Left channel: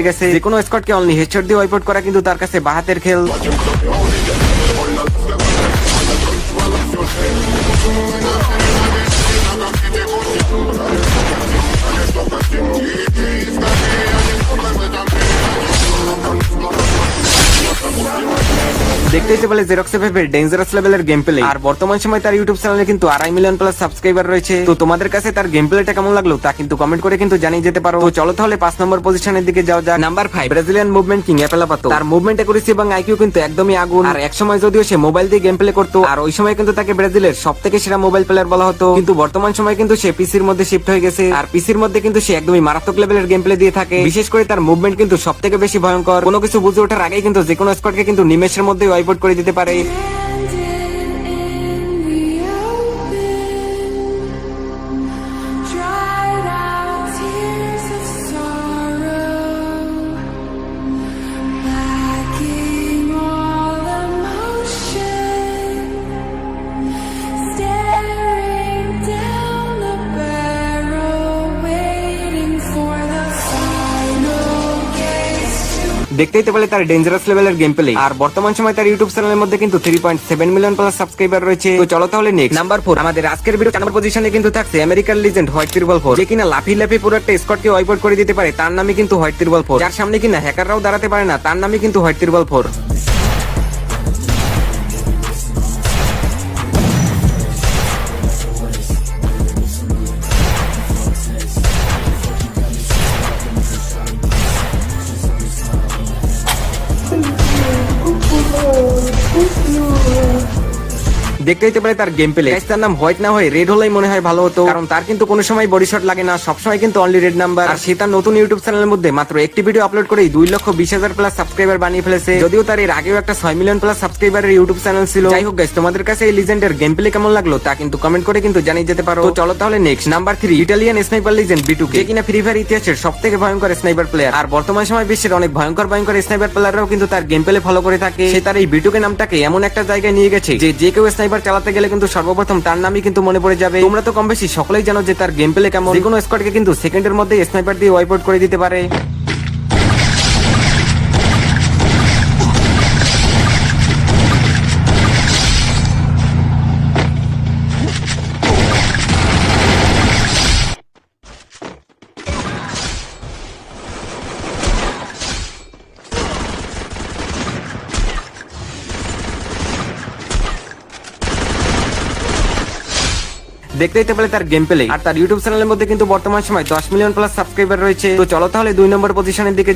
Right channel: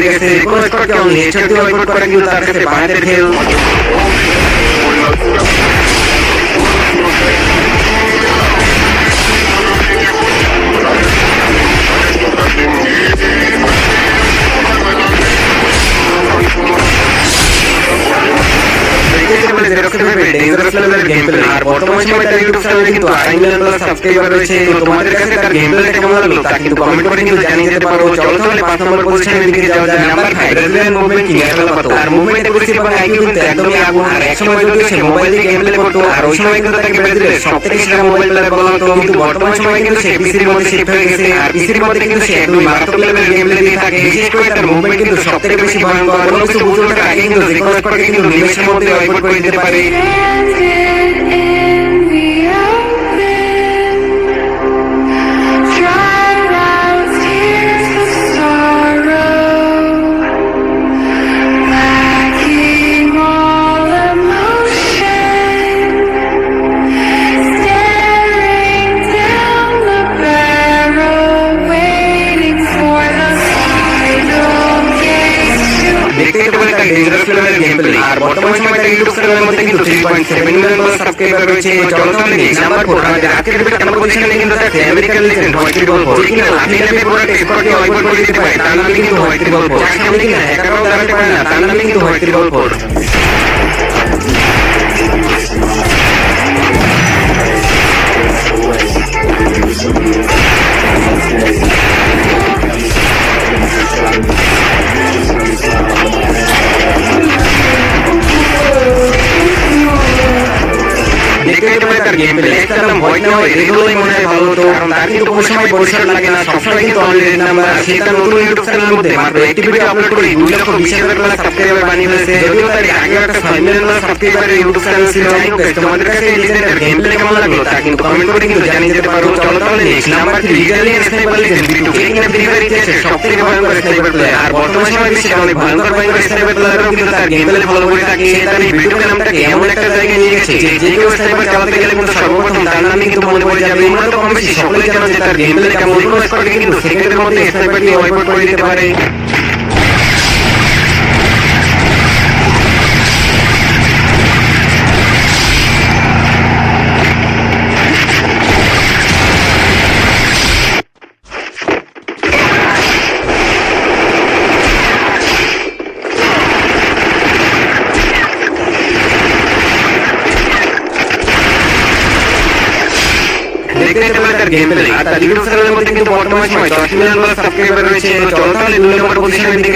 গেছে। কোনো স্কটকে only headshot দিয়ে ওয়াইপ আউট করা কিন্তু তার কাছে বাহাতের খেল। দেখতেই পেলে জেরক্স এফএফের ডেঞ্জারাস লেভেলের গেম প্লে। আর বর্তমান সময় তার ইউটিউব চ্যানেলে কিন্তু 2.5 মিলিয়ন প্লাস সাবস্ক্রাইবার রয়েছে। তো তোমাদের কাছে তার গেম প্লেটা কেমন লাগলো তা কিন্তু কমেন্ট করে কিন্তু জানিয়ে যেতে পারো। চলো তাহলে 5 নম্বর পজিশনের দিকে যাও। যার নাম্বার 5 ব্রাজিলিয়ান মুভমেন্ট কিং একালা পাতো। তার মুভমেন্ট অ্যাকুরেসি এবং আইকিউ কিন্তু একদমই আগুন। আর এক সময় যদিও সে মোবাইল দিয়ে গেম প্লে করতো, আর ওই সময় কিন্তু তাকে ব্রাজিলের সবথেকে সেরা মোবাইল প্লেয়ার বলা হতো। কিন্তু বর্তমান সময় কিন্তু সে পিসির মধ্যে শিফট হয়ে গেছে। আর পিসির মধ্যে কিন্তু সে একদমই মারাত্মক লেভেলের গেম প্লে দিয়ে থাকে। বিশেষ করে তার মুভমেন্ট কিন্তু সবথেকে বেশি ভয়ঙ্কর। কোনো কিছু বুঝে ওঠার আগে কিন্তু যে কোনো স্কোয়াডকে কিন্তু নিমেষের মধ্যে ওয়াইপ আউট করে দিতে পারে। দেখতেই তো পেলে তার ডেঞ্জারাস লেভেলের গেম প্লে। আর বর্তমান সময় তার ইউটিউব চ্যানেলের মধ্যে কিন্তু 3.7 মিলিয়ন প্লাস সাবস্ক্রাইবার রয়েছে। তো চলো তাহলে নেক্সট নাম্বার 4 আমাদের আজকের ভিডিও কেমন পজিশনে কিন্তু থাকছে আমেরিকান লিজেন্ড হোয়াইট ট্রিপল 4, যে কিনা লাফি পুরো স্কোয়াডকে ওয়াইপ আউট করে দিতে পারে। তার নামই কিন্তু হোয়াইট ট্রিপল 4। যার সামনে কিনা হ্যাকাররাও দাঁড়াতে পারে না, তার নামই কিন্তু হোয়াইট ট্রিপল 4। দেখতে হতে পারে তার গেম প্লে। তার নাম হোয়াইট না হয়ে রেড হলেই মনে হয় ভালো হতো, কারণ তার কিন্তু কোনো সময় বডি শট লাগে না, সবসময় কিন্তু অনলি রেড নাম্বার। আর সে তার নতুন ইউটিউব চ্যানেলের মধ্যে মাত্র একটি ভিডিও আপলোড করেই 2,20,000 প্লাস সাবস্ক্রাইবার বানিয়ে ফেলেছে। যদিও তার এর আগেও একটা 6 মিলিয়ন প্লাস সাবস্ক্রাইবারের ইউটিউব চ্যানেল ছিল। যাই হোক গাইস, তোমাদের কাছে এই লিজেন্ডের গেম প্লে কেমন লাগলো তা কিন্তু কমেন্ট করে কিন্তু জানিয়ে যেতে পারো। চলো তাহলে next number 3 Italian sniper legend বিটু, যে কিনা ফ্রি ফায়ার ইতিহাসের সবথেকে ভয়ঙ্কর স্নাইপার প্লেয়ার। আর বর্তমান সময় বিশ্বের অনেক ভয়ঙ্কর স্নাইপার প্লেয়াররাও কিন্তু তার গেম প্লে ফলো করে থাকে। সে তার এই বিটুকে নামটাকে এমন একটা জায়গায় নিয়ে গেছে যে কেউ স্নাইপার চালাতে গেলে কিন্তু সর্বপ্রথম তার নামই কিন্তু মনে পড়ে যাবে। তোমরা তো কম বেশি সকলেই জানো যে তার গেম প্লে কেমন। কোনো স্কোয়াডকে কিন্তু সেকেন্ডের মধ্যে স্নাইপার দিয়ে ওয়াইপ আউট করে দিতে পারে। দেখতে পেলে তার গেম প্লে। আর তার ইউটিউব চ্যানেলের মধ্যে কিন্তু বর্তমান সময় 10 মিলিয়ন প্লাস সাবস্ক্রাইবার রয়েছে। তো চলো তাহলে 2 নম্বর পজিশনের দিকে